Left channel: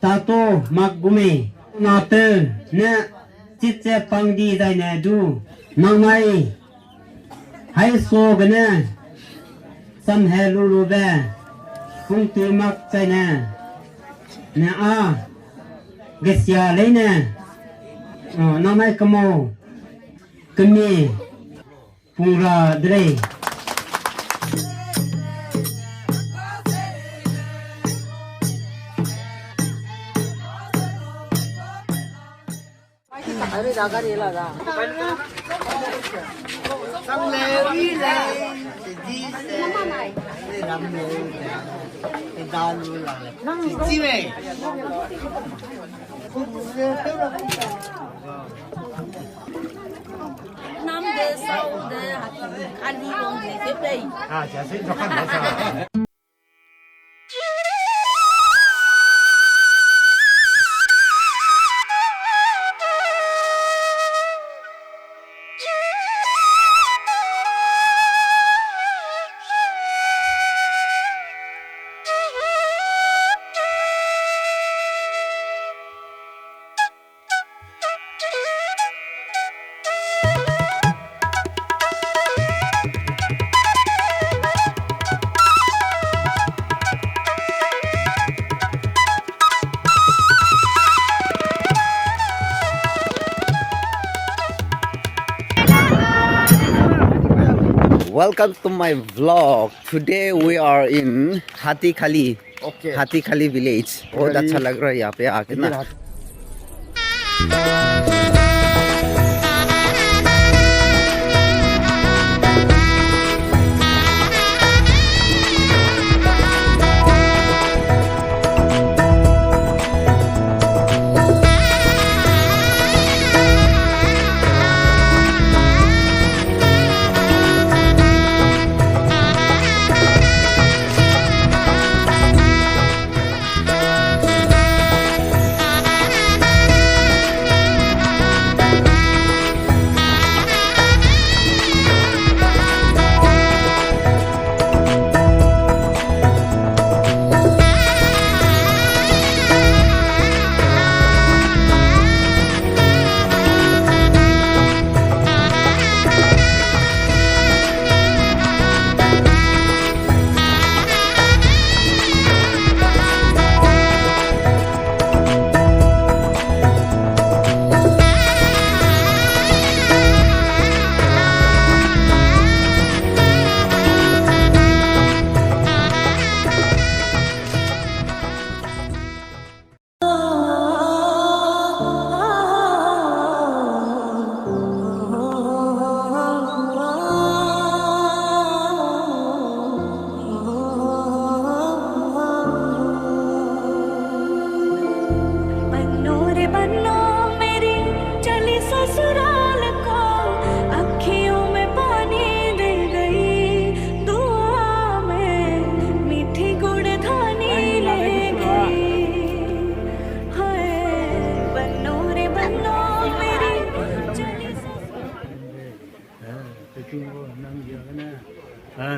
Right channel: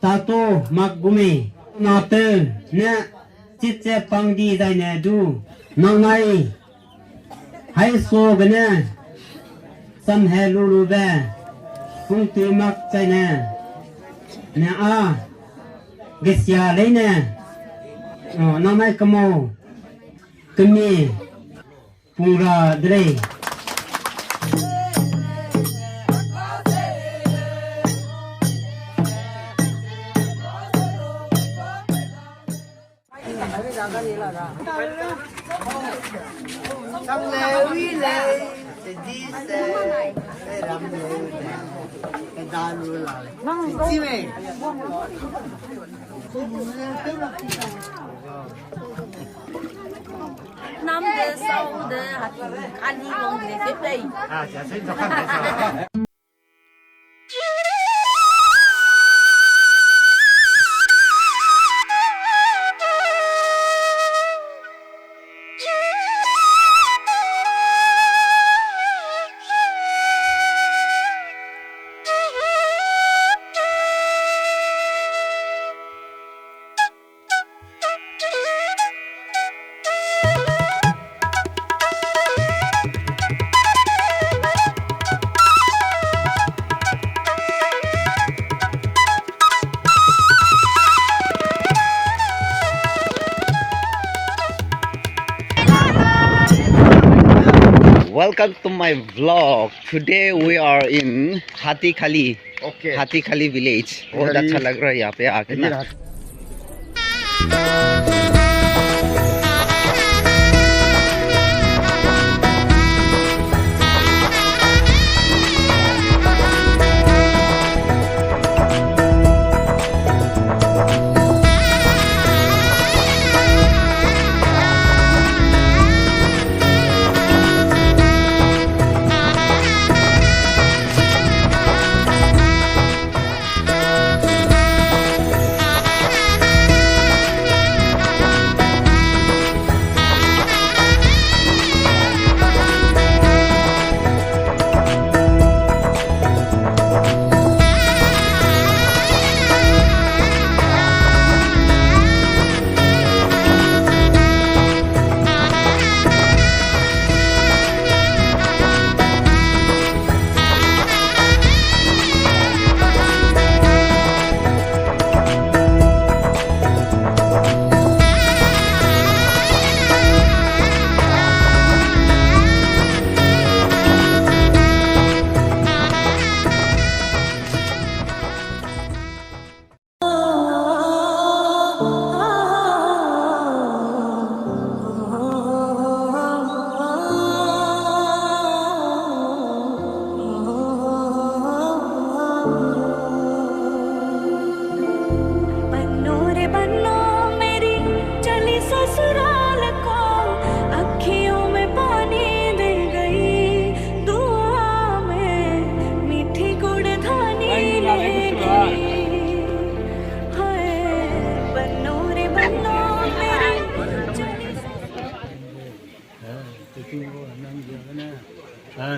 Tato maggume ngate ne chitse pangdi dai ne du nangai hai so gane sam he lulu be kung tu mak chai ne a gesya le ne nangai kamo kemi pungra dre Năm de sau de ăn đi uống để phép đây. Welcome to my vlog. Today we are in Hatikali. Okay. Hatikali village. बहुत अच्छा लग रहा है यहाँ पे आके ना.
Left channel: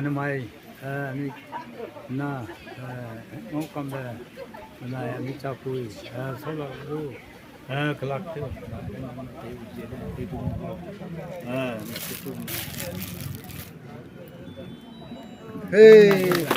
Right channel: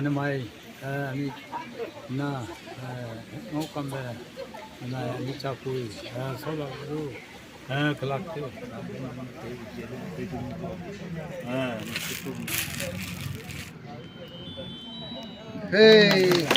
Namai mi na ngau kam da na mi cha pui so la ru kelak tu hey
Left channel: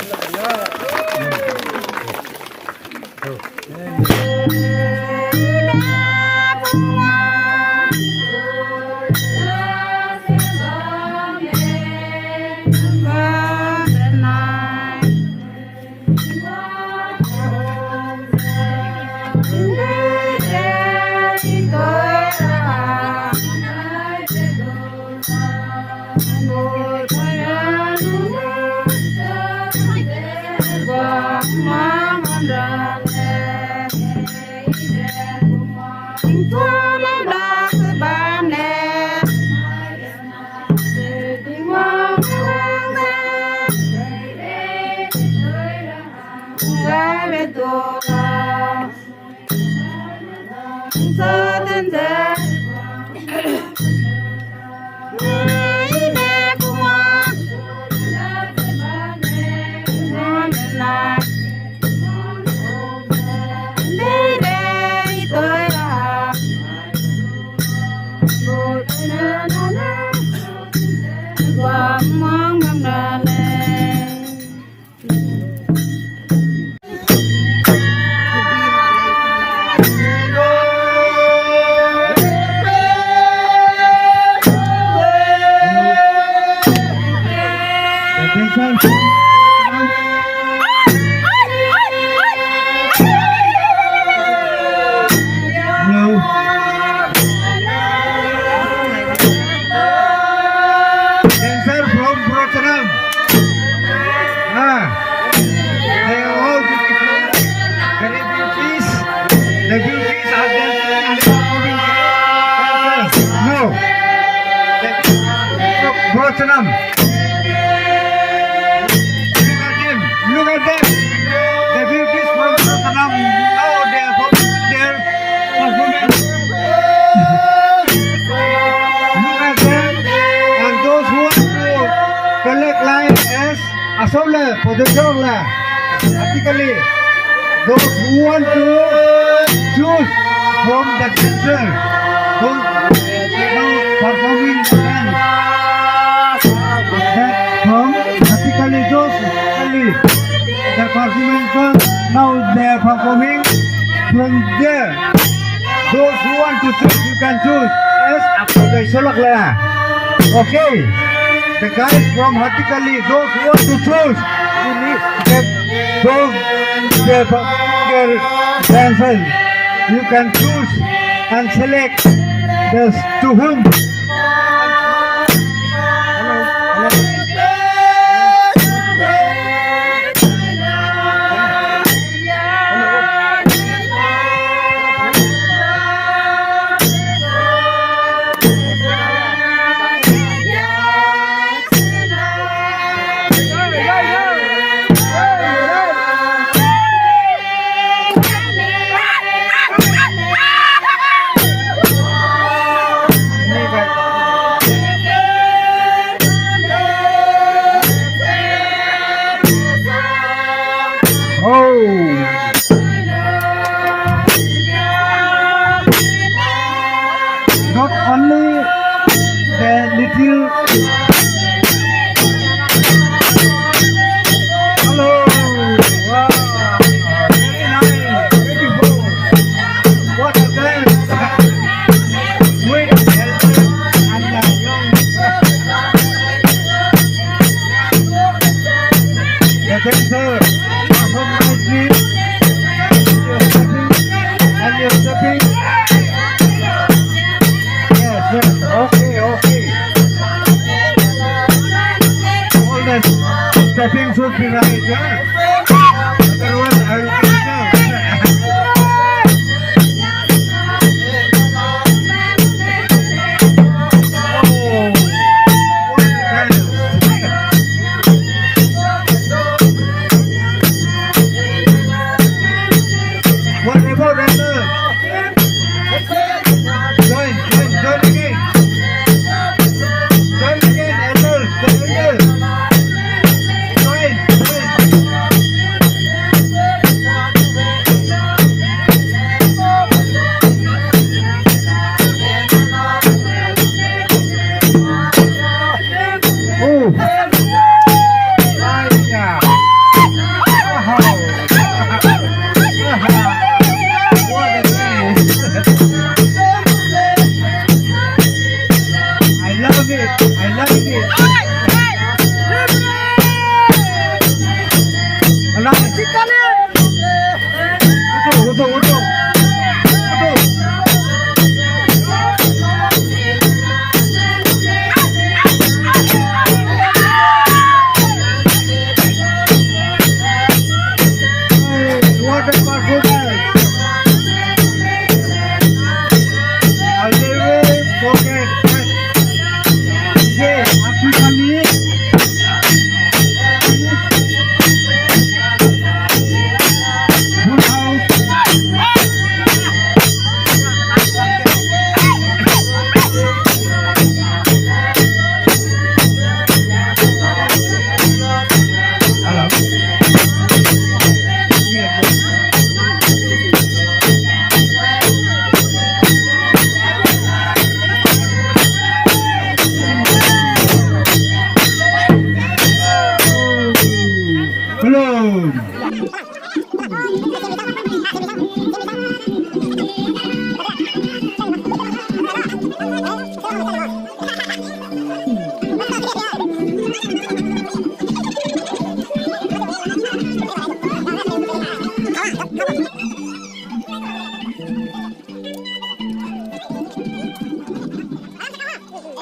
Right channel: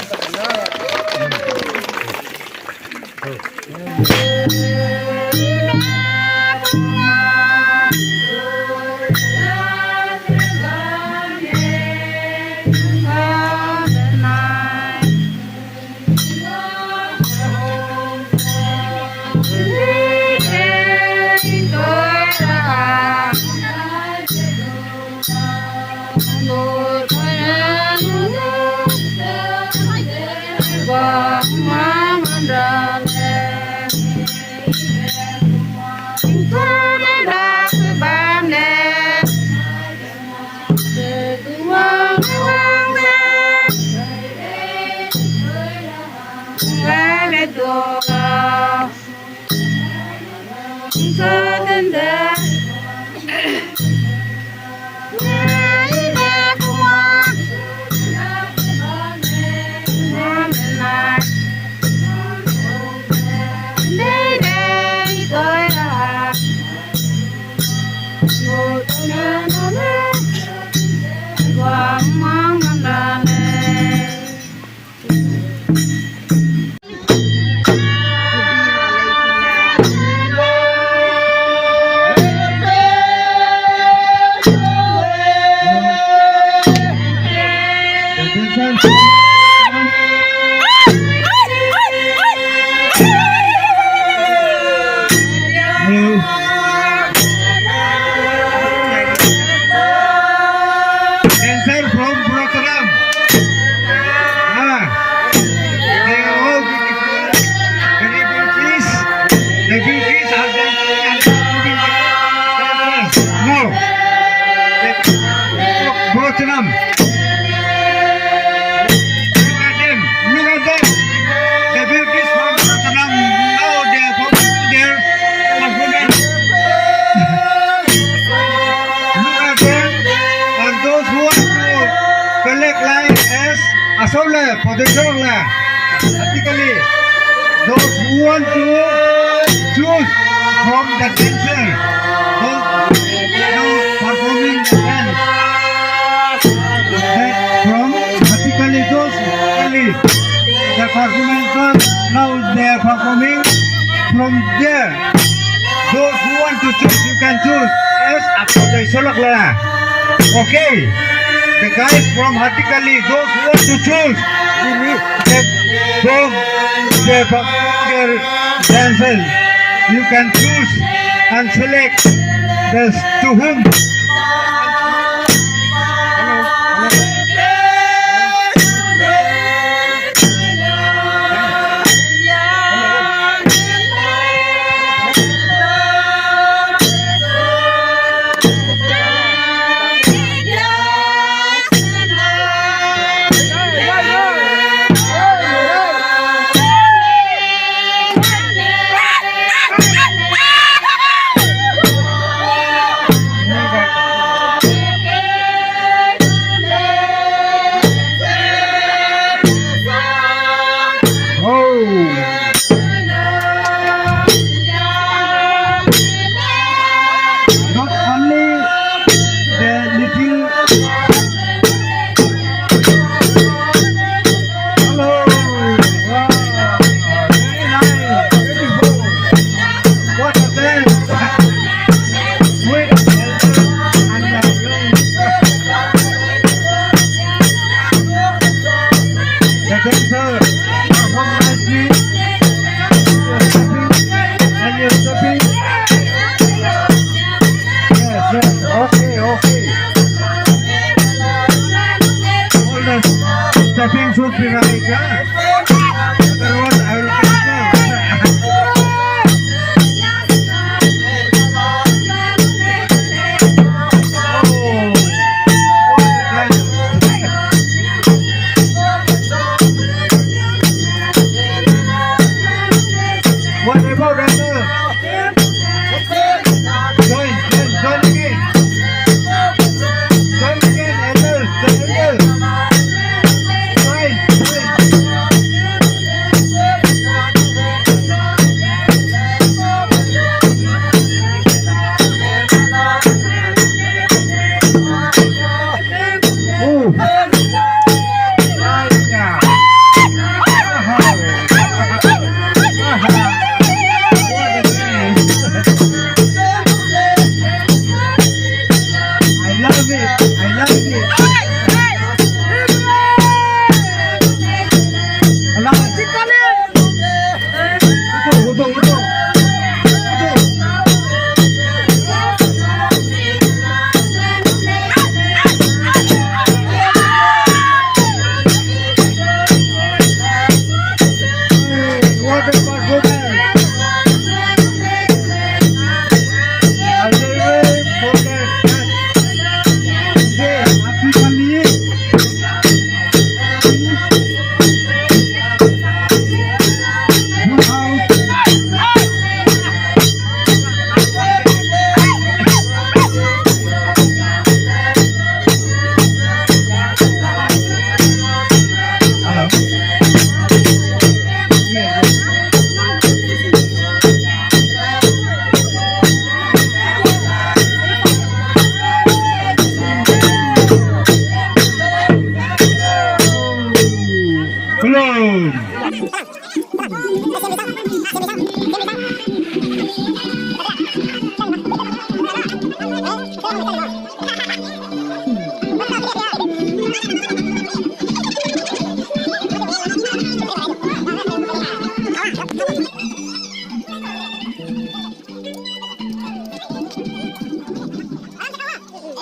Dancer from Protanam. They are all beautiful. Very beauties. The beauties are dancing and moving dancers. No. Protanam. Look at them. Look at them. The beauties from Protanam. Now they are from their performance. Look at them. And those who want to collect line as a solar for the solar. Practically, those who want to choose from the dancer, those now performing dance. That from practically those only the performance now they are performing from there. Those who want to choose, you can choose as after the solar. Okay, the guys from Hatikali, those who want to choose, those their dancers, you can choose and select this to whom. Not only the little hello, wow, very nice, beautiful. What a dance! Sweet, healthy, and young. The dancer perform nicely. You're stepping and you're stepping. Yes, okay. All that stepping should be right, otherwise I will cancel. Oh, what a dance. What about dancer? Join again. Join again, elders, the elders. Join.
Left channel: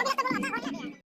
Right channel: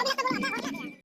Thank you.